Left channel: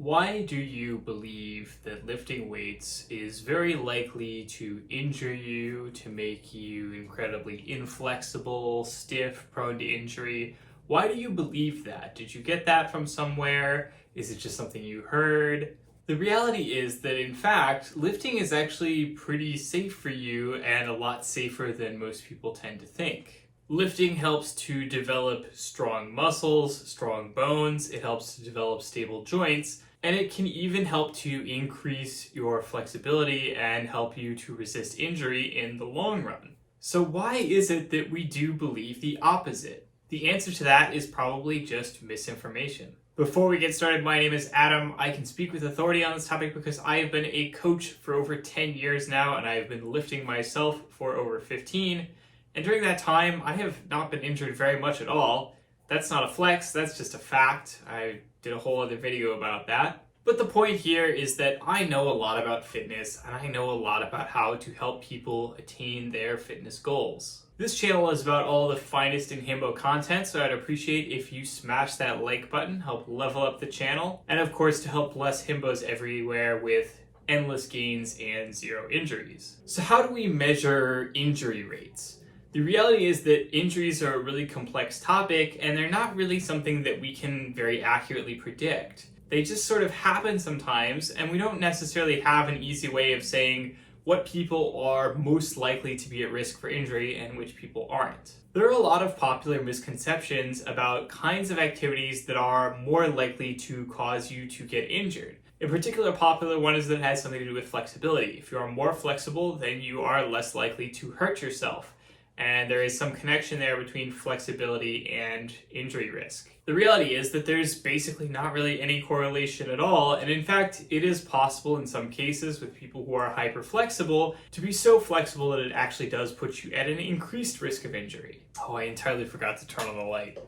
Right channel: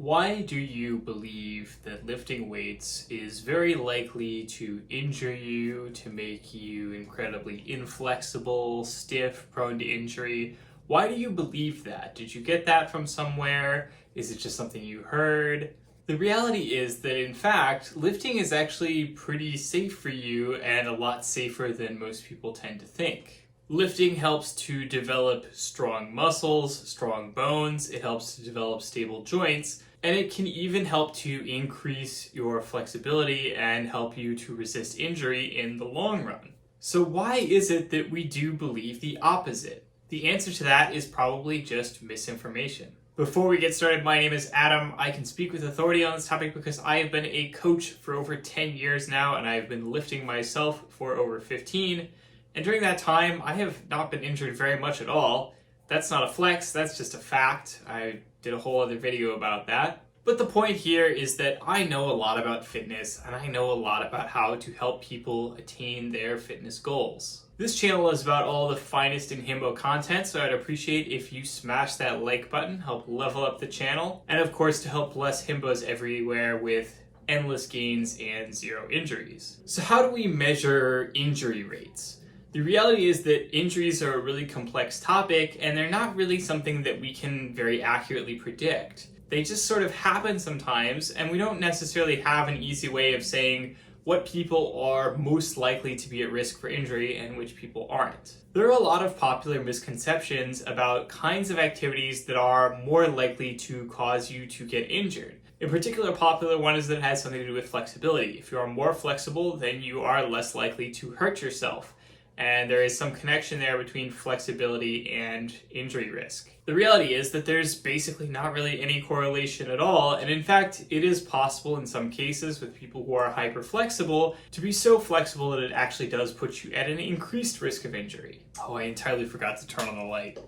Why do you believe that lifting weights is very likely to injure you, to make you incredibly inflexible, stiff, prone to injury? Why do you believe that? Did you get that from somewhere? Is it just something you heard? The reality is that, in fact, lifting is actually pretty safe for you and a lot safer than most people tend to think. Lifting helps to develop strong muscles, strong bones, it helps to develop stable joints, and it can even help to increase your flexibility and help you to resist injury in the long run. So why is it that we do believe the opposite? The answer to that is probably just misinformation. Before we get started, my name is Adam. I can speak with authority on this topic because I have been a coach for over 10 years now, and I have been lifting myself for over 15. And during that time, I have not been injured very much at all. That's not a flex, that's just a fact. I did a whole other video about that. But the point here is that I know a lot about fitness, and I know a lot about how to help people attain their fitness goals. This channel is about all the finest in Himbo content, so I'd appreciate if you smash that like button, help level up the channel, and of course to help bless Himbos everywhere with endless gains and zero injuries. So how do we measure injury rates? The reality is that injuries are a really complex topic, and they're not really something that we can very accurately predict. They just sort of happen sometimes, and we don't necessarily have an easy way of saying what people are most likely to be at risk for injury and which people aren't. There are a lot of popular misconceptions about kinds of activities that are more likely to cause you to get injured. In particular, a popular one is that it has something to do with flexibility. If you are more flexible, then you are less likely to hurt yourself. And there is some connection there between flexibility and injury risk. The reality is that there's basically not really any correlation at all, and in fact, it is possible in some cases with people who are hyper flexible to be so flexible that it actually does put you at an increased risk of injury. Oh, I entirely forgot to turn on the light.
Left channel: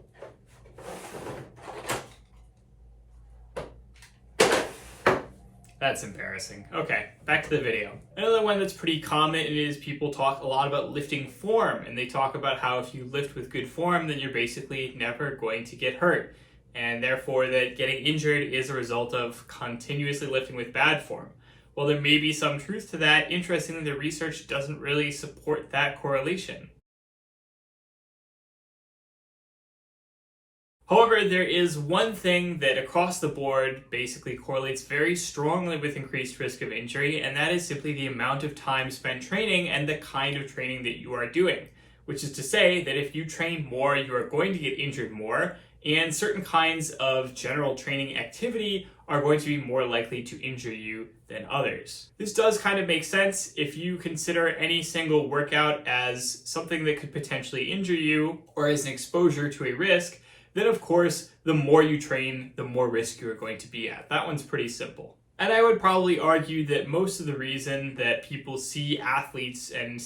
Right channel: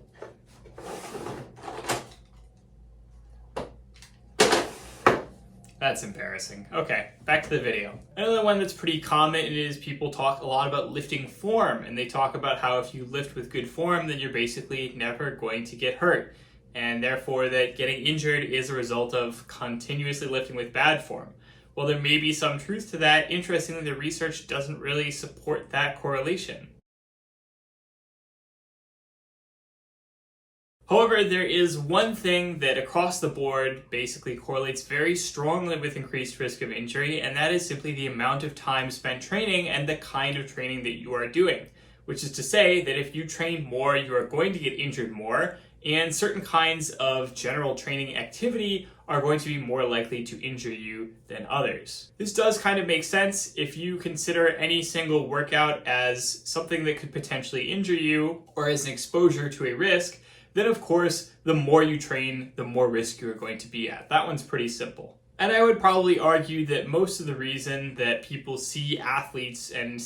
That's embarrassing. Okay, back to the video. Another one that's pretty common is people talk a lot about lifting form, and they talk about how if you lift with good form, then you're basically never going to get hurt, and therefore that getting injured is a result of continuously lifting with bad form. While there may be some truth to that, interestingly, the research doesn't really support that correlation. However, there is one thing that across the board basically correlates very strongly with increased risk of injury, and that is simply the amount of time spent training and the kind of training that you are doing. Which is to say that if you train more, you are going to get injured more, and certain kinds of general training activity are going to be more likely to injure you than others. This does kind of make sense if you consider any single workout as something that could potentially injure you or as an exposure to a risk. Then of course, the more you train, the more risk you're going to be at. That one's pretty simple. And I would probably argue that most of the reason that people see athletes and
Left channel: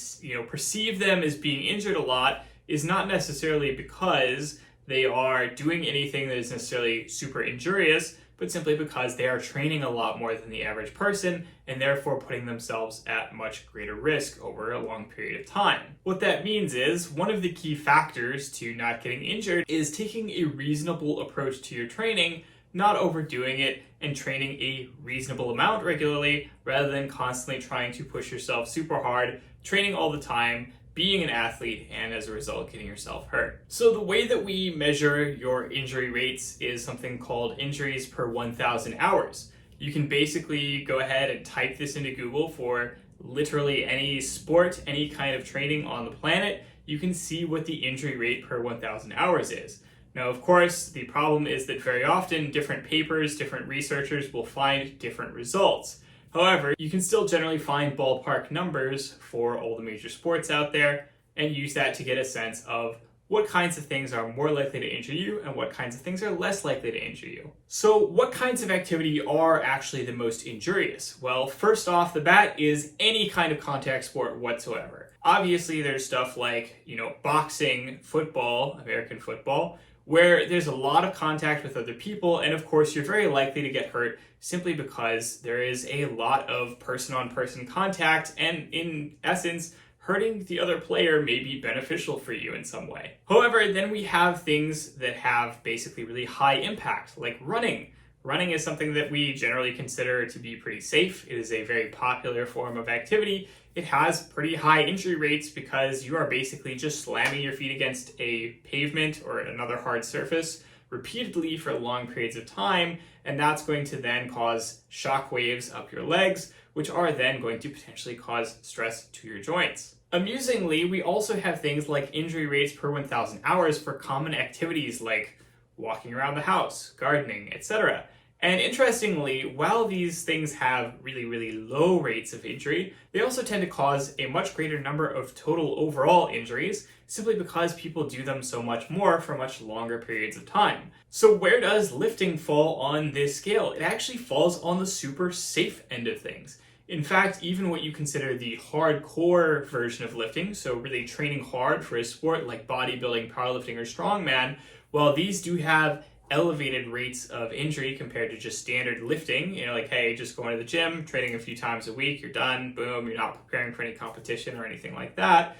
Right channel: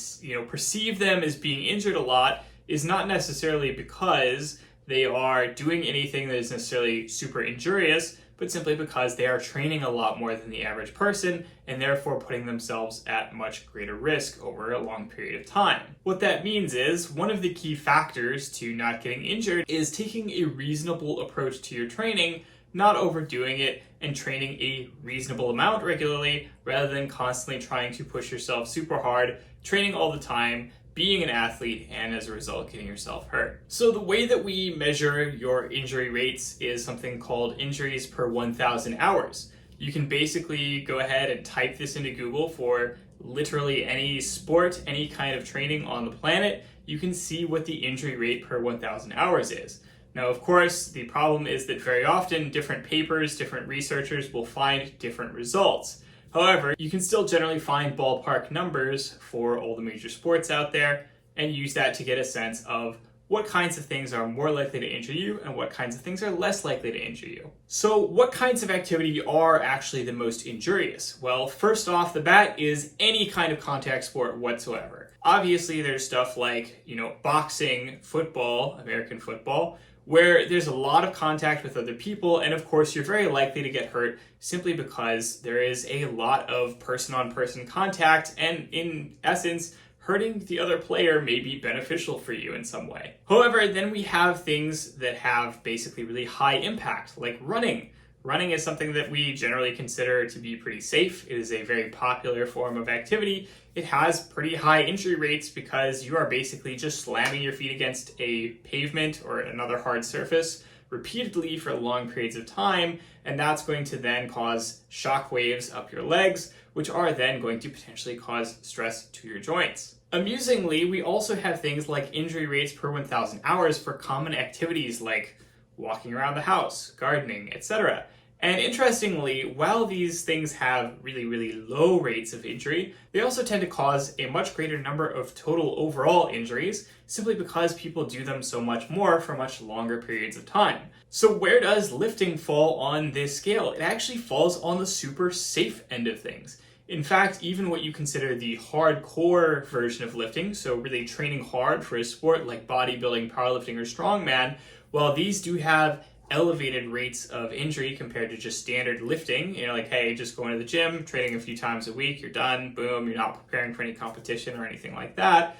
perceive them as being injured a lot is not necessarily because they are doing anything that is necessarily super injurious, but simply because they are training a lot more than the average person and therefore putting themselves at much greater risk over a long period of time. What that means is one of the key factors to not getting injured is taking a reasonable approach to your training, not overdoing it, and training a reasonable amount regularly rather than constantly trying to push yourself super hard, training all the time, being an athlete, and as a result getting yourself hurt. So the way that we measure your injury rates is something called injuries per 1,000 hours. You can basically go ahead and type this into Google for literally any sport, any kind of training on the planet. You can see what the injury rate per 1,000 hours is. Now, of course, the problem is that very often different papers, different researchers will find different results. However, you can still generally find ballpark numbers for all the major sports out there and use that to get a sense of what kinds of things are more likely to injure you and what kinds of things are less likely to injure you. So what kinds of activity are actually the most injurious? Well, first off the bat is any kind of contact sport whatsoever. Obviously, there's stuff like, boxing, football, American football, where there's a lot of contact with other people, and of course you're very likely to get hurt simply because there is a lot of person-on-person contact, and in essence, hurting the other player may be beneficial for you in some way. However, then we have things that have basically really high impact, like running. running is something that we generally consider to be pretty safe. It is a very popular form of activity. It has pretty high injury rates because you are basically just slamming your feet against a pavement or another hard surface repeatedly for long periods of time, and that's going to then cause shock waves up your legs, which are then going to potentially cause stress to your joints. Amusingly, we also have things like injury rates per 1,000 hours for common activities like walking around the house, gardening, etc. And interestingly, while these things have really, really low rates of injury, they also tend to cause a much greater number of total overall injuries, simply because people do them so much more for much longer periods of time. So where does lifting fall on this scale? It actually falls on the super safe end of things. In fact, even what you consider the hardcore version of lifting, so really training hard for a sport like bodybuilding, powerlifting, or strongman, while these do have elevated rates of injury compared to just standard lifting, like, hey, just going to the gym, training a few times a week, you're done, boom, you're not preparing for any competition or anything like that.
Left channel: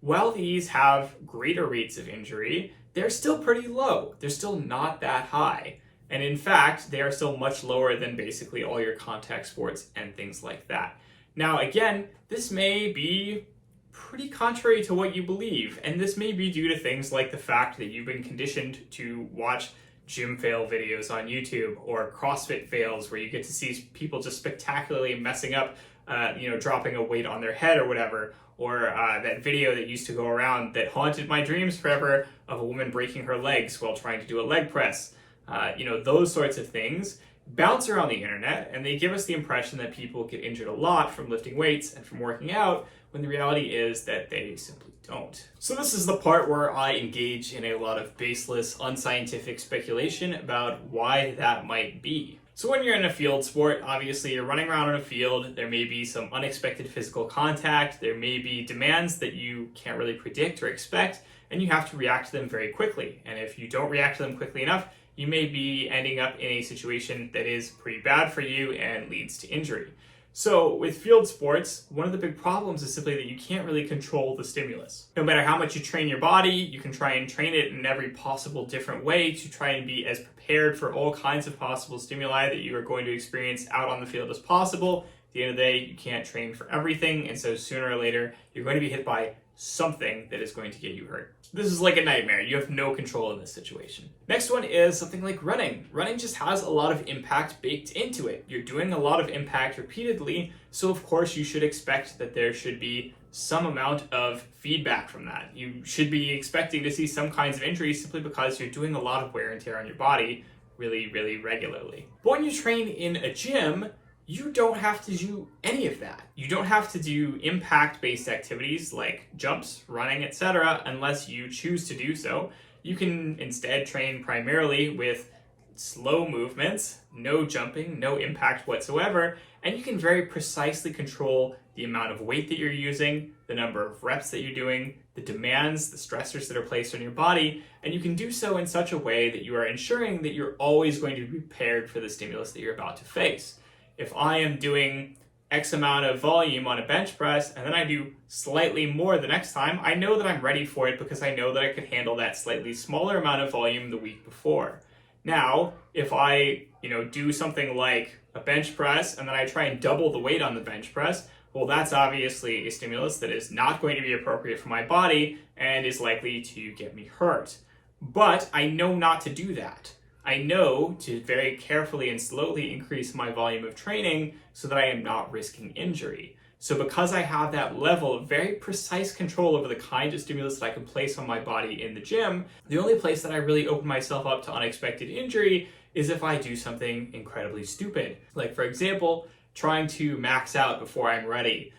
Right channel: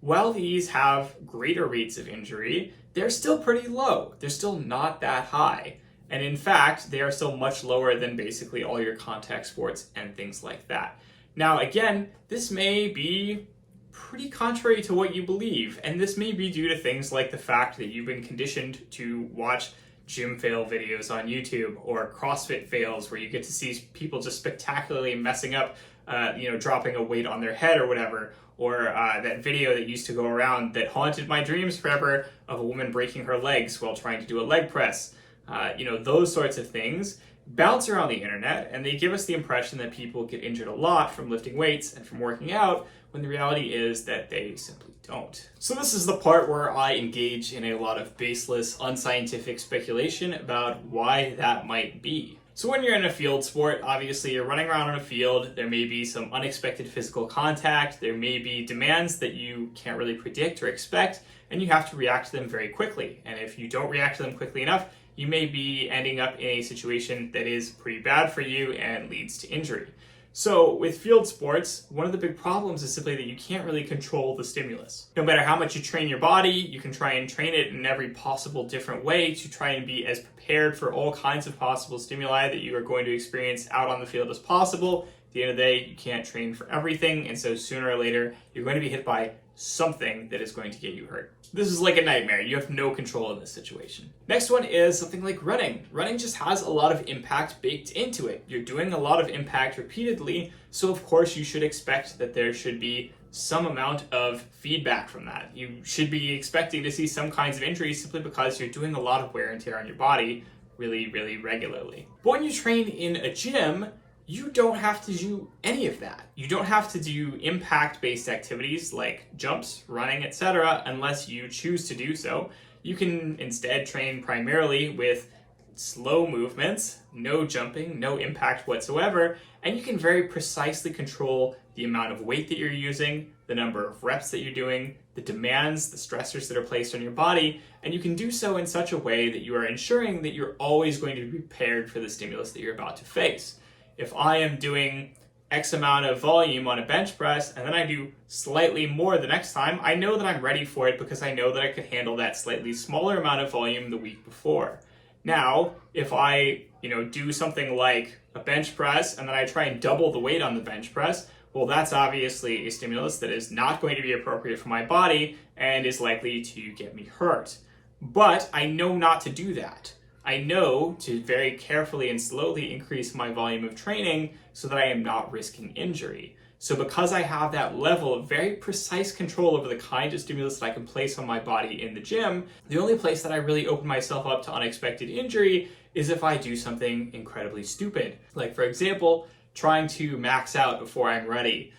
While these have greater rates of injury, they're still pretty low. They're still not that high. And in fact, they are still much lower than basically all your contact sports and things like that. Now, again, this may be pretty contrary to what you believe, and this may be due to things like the fact that you've been conditioned to watch gym fail videos on YouTube or CrossFit fails where you get to see people just spectacularly messing up, dropping a weight on their head or whatever, or that video that used to go around that haunted my dreams forever of a woman breaking her legs while trying to do a leg press. Those sorts of things bounce around the internet, and they give us the impression that people get injured a lot from lifting weights and from working out, when the reality is that they simply don't. So this is the part where I engage in a lot of baseless, unscientific speculation about why that might be. So when you're in a field sport, obviously you're running around on a field, there may be some unexpected physical contact, there may be demands that you can't really predict or expect, and you have to react to them very quickly. And if you don't react to them quickly enough, you may be ending up in a situation that is pretty bad for you and leads to injury. So with field sports, one of the big problems is simply that you can't really control the stimulus. No matter how much you train your body, you can try and train it in every possible different way to try and be as prepared for all kinds of possible stimuli that you are going to experience out on the field as possible. At the end of the day, you can't train for everything, and so sooner or later, you're going to be hit by something that is going to get you hurt. This is like a nightmare. You have no control in this situation. Next one is something like running. Running just has a lot of impact baked into it. You're doing a lot of impact repeatedly, so of course you should expect that there should be some amount of feedback from that. You should be expecting to see some kinds of injuries simply because you're doing a lot of wear and tear on your body really, really regularly. But when you train in a gym, you don't have to do any of that. You don't have to do impact-based activities like jumps, running, etc. unless you choose to do so. You can instead train primarily with slow movements, no jumping, no impact whatsoever, and you can very precisely control the amount of weight that you're using, the number of reps that you're doing, the demands, the stressors that are placed on your body, and you can do so in such a way that you are ensuring that you're always going to be prepared for the stimulus that you're about to face. If I am doing X amount of volume on a bench press and then I do slightly more the next time, I know that I'm ready for it because I know that I could handle that slightly smaller amount of volume the week before. Now, if I, do something like a bench press and then I try and double the weight on the bench press, well, that's obviously a stimulus that is not going to be appropriate for my body and is likely to get me hurt. But I know not to do that. I know to very carefully and slowly increase my volume of training so that I am not risking injury. So because I have that level of very precise control over the kind of stimulus that I can place on my body in the gym, the only place that I really open myself up to unexpected injury is if I do something incredibly stupid. Like, for example, trying to max out before I'm ready.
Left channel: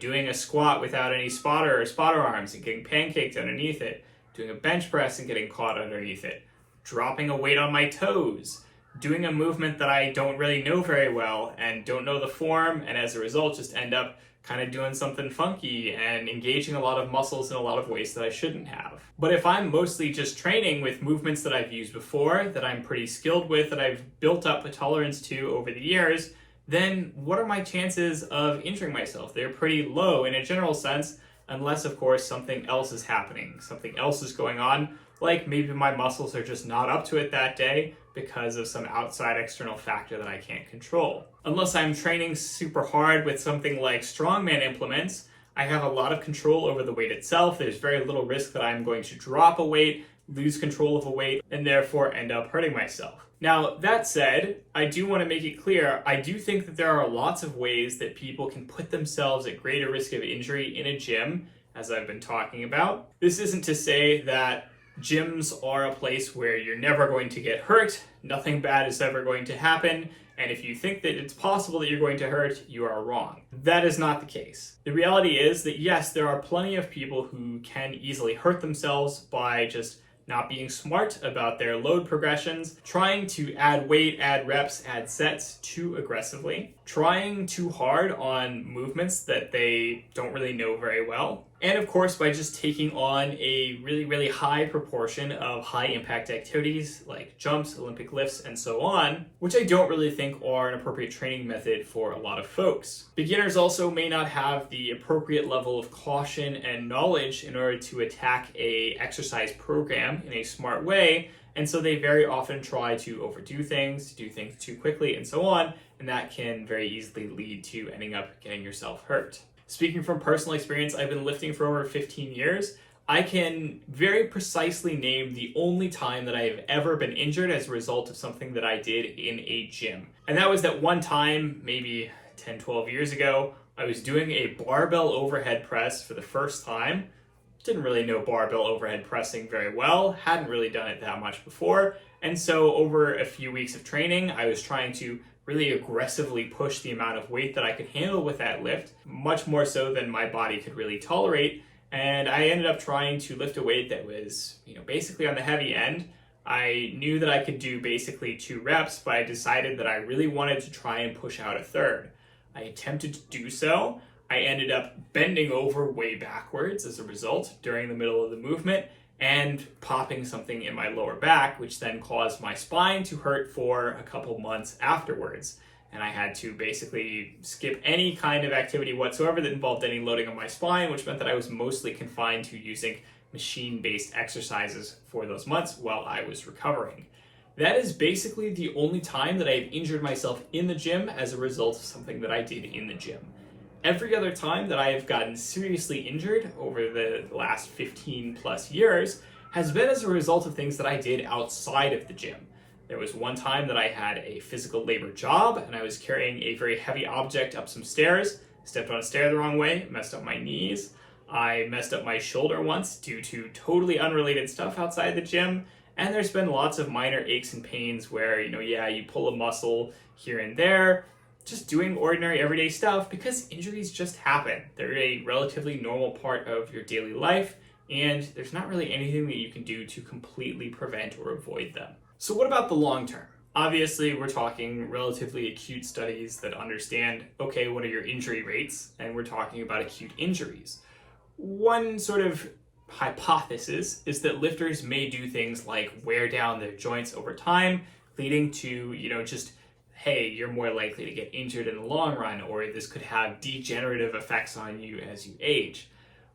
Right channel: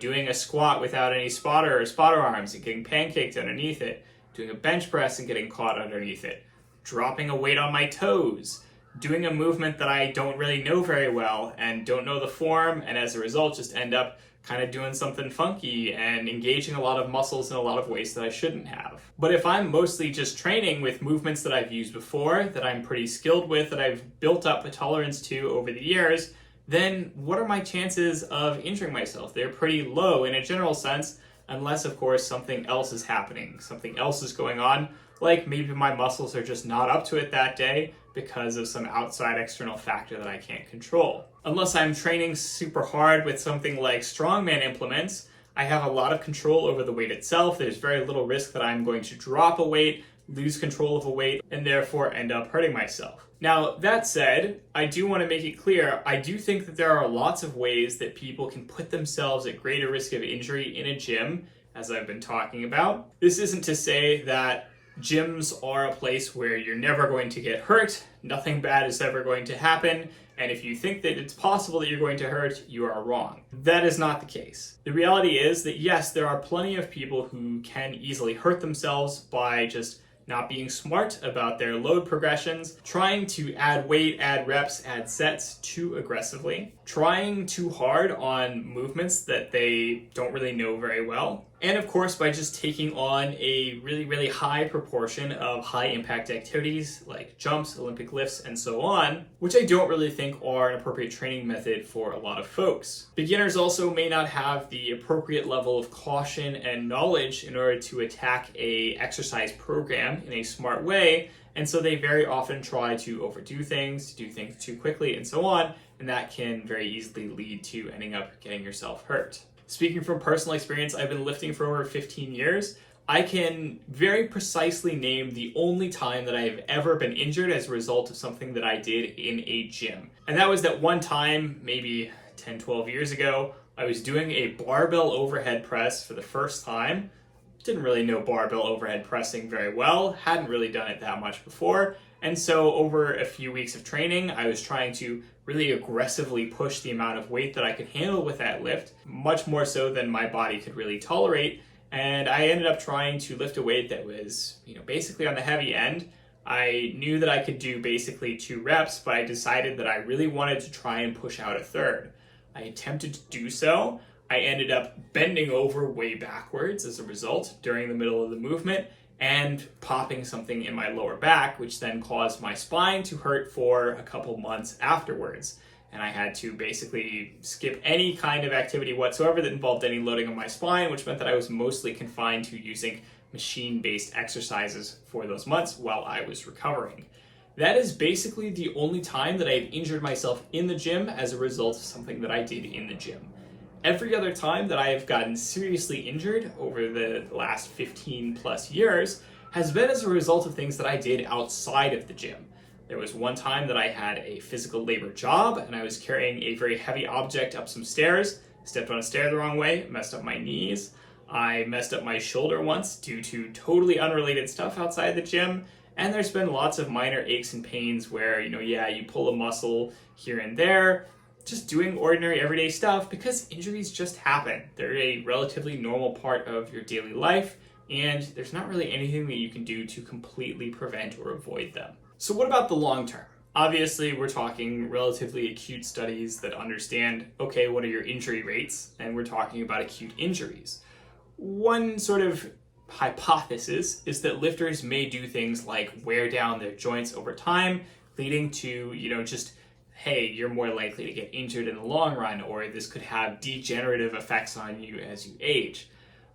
Doing a squat without any spotter or spotter arms and getting pancaked underneath it. Doing a bench press and getting caught underneath it. Dropping a weight on my toes, doing a movement that I don't really know very well and don't know the form, and as a result just end up kind of doing something funky and engaging a lot of muscles in a lot of ways that I shouldn't have. But if I'm mostly just training with movements that I've used before, that I'm pretty skilled with, that I've built up a tolerance to over the years, then what are my chances of injuring myself? They're pretty low in a general sense, unless of course something else is happening, something else is going on. Like maybe my muscles are just not up to it that day, because of some outside external factor that I can't control. Unless I'm training super hard with something like strongman implements, I have a lot of control over the weight itself. There's very little risk that I'm going to drop a weight, lose control of a weight, and therefore end up hurting myself. Now, that said, I do want to make it clear, I do think that there are lots of ways that people can put themselves at greater risk of injury in a gym, as I've been talking about. This isn't to say that gyms are a place where you're never going to get hurt, nothing bad is ever going to happen, and if you think that it's possible that you're going to hurt, you are wrong. That is not the case. The reality is that yes, there are plenty of people who can easily hurt themselves by just not being smart about their load progressions, trying to add weight, add reps, add sets too aggressively, trying too hard on movements that they don't really know very well, and of course by just taking on a really high proportion of high impact activities like jumps, Olympic lifts, and so on, which I don't really think are an appropriate training method for a lot of folks. Beginners also may not have the appropriate level of caution and knowledge in order to attack a exercise program in a smart way, and so they very often try to overdo things, do things too quickly, and so on, and that can very easily lead to ending up getting yourself hurt. Speaking from personal experience, I've been lifting for over 15 years. I can very precisely name the only time that I have ever been injured as a result of something that I did in a gym. And that was that one time, maybe 10, 12 years ago, I was doing a barbell overhead press for the first time. Didn't really know barbell overhead pressing very well, hadn't really done it that much before, and so over a few weeks of training, I was trying to really aggressively push the amount of weight that I could handle with that lift, much more so than my body could really tolerate, and I ended up trying to lift a weight that was, basically on the heavy end. I knew that I could do basically 2 reps, but I decided that I really wanted to try and push out a third. I attempted to do so. I ended up bending over way backwards as a result during the middle of the movement and popping something in my lower back, which then caused my spine to hurt for a couple months afterwards. And I had to basically skip any kind of activity whatsoever that involved any loading on my spine, which meant that I was mostly confined to using machine-based exercises for those months while I was recovering. That is basically the only time that I have injured myself in the gym as a result of something that I did in the gym. Every other time that I have gotten seriously injured over the last 15 plus years has been as a result of things that I did outside of the gym. There was one time that I had a physical labor job and I was carrying a very heavy object up some stairs, stepped on a stair the wrong way, messed up my knees. I messed up my shoulder once due to totally unrelated stuff outside the gym. And there's been lots of minor aches and pains where, you pull a muscle here and there, just doing ordinary everyday stuff because injuries just happen. They're a relatively normal part of your daily life, and there's not really anything that you can do to completely prevent or avoid them. So what about the long term? Obviously, we're talking relatively acute studies that understand, okay, what are your injury rates? And we're talking about acute injuries. One sort of hypothesis is that lifters may do things like wear down their joints over time, leading to, hey, you're more likely to get injured in the long run, or this could have degenerative effects on you as you age.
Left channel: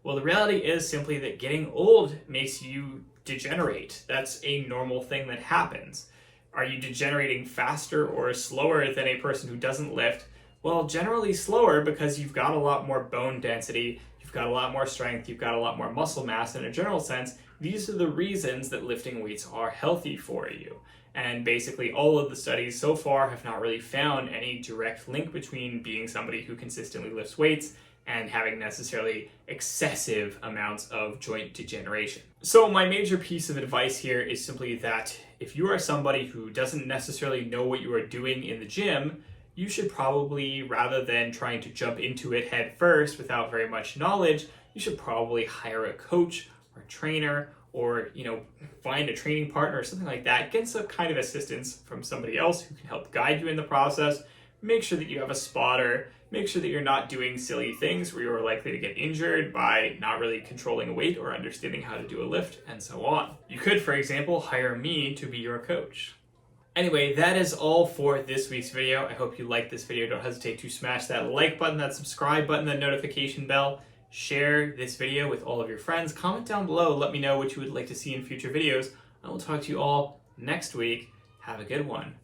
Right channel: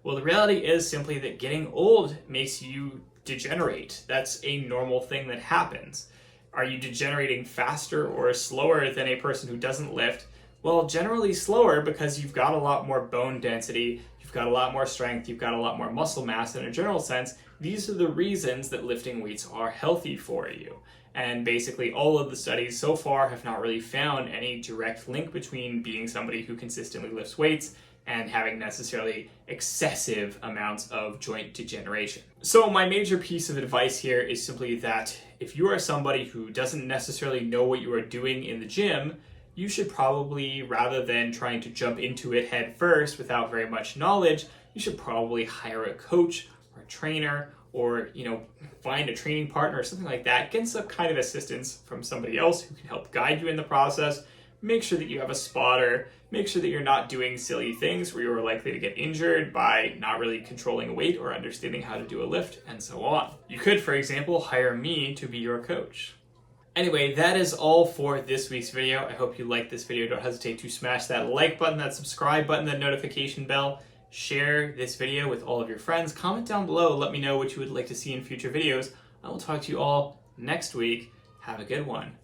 Well, the reality is simply that getting old makes you degenerate. That's a normal thing that happens. Are you degenerating faster or slower than a person who doesn't lift? Well, generally slower because you've got a lot more bone density, you've got a lot more strength, you've got a lot more muscle mass in a general sense. These are the reasons that lifting weights are healthy for you. And basically all of the studies so far have not really found any direct link between being somebody who consistently lifts weights and having necessarily excessive amounts of joint degeneration. So my major piece of advice here is simply that if you are somebody who doesn't necessarily know what you are doing in the gym, you should probably, rather than trying to jump into it head first without very much knowledge, you should probably hire a coach or a trainer or, find a training partner or something like that. Get some kind of assistance from somebody else who can help guide you in the process. Make sure that you have a spotter. Make sure that you're not doing silly things where you're likely to get injured by not really controlling a weight or understanding how to do a lift, and so on. You could, for example, hire me to be your coach. Anyway, that is all for this week's video. I hope you liked this video. Don't hesitate to smash that like button, that subscribe button, that notification bell. Share this video with all of your friends. Comment down below. Let me know what you would like to see in future videos. I will talk to you all next week. Have a good one.